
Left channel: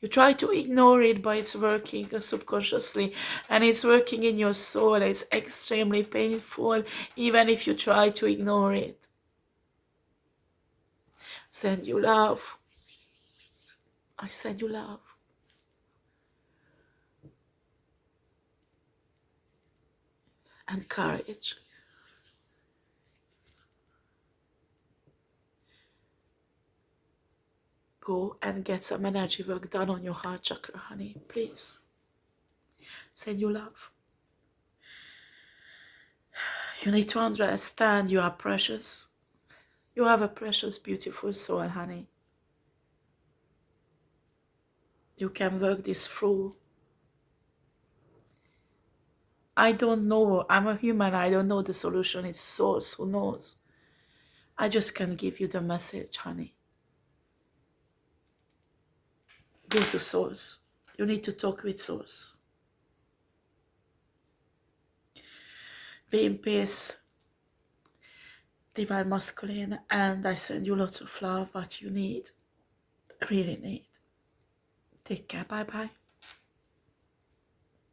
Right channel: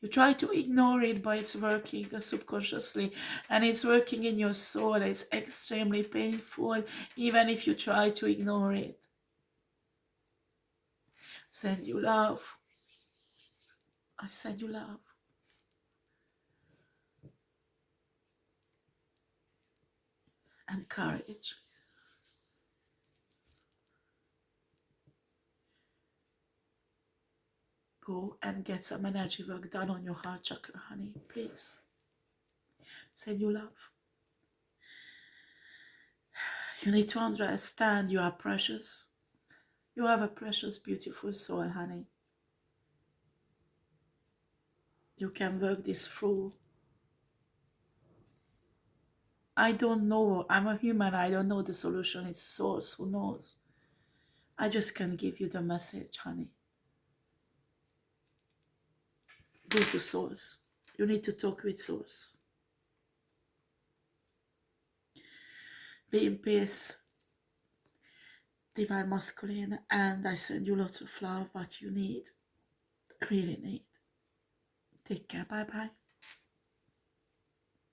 You try to ignore it, but it's working subconsciously, and it's working in your soul. It's extremely painful, even if you try to ignore it. Send you love. I send you love. And courage. Go and get some energy work done on your heart chakra, honey, please. Send you love. You need to understand you are precious. You have a precious, beautiful soul, honey. You can work this through. I don't know. I'm a human. I don't know the solution. It's Source who knows. I just can give you the message, honey. Go to Source. You need to talk with Source. Be in peace, Divine Masculine, and I send you lots of love, what you need, really need. Take care. Bye-bye.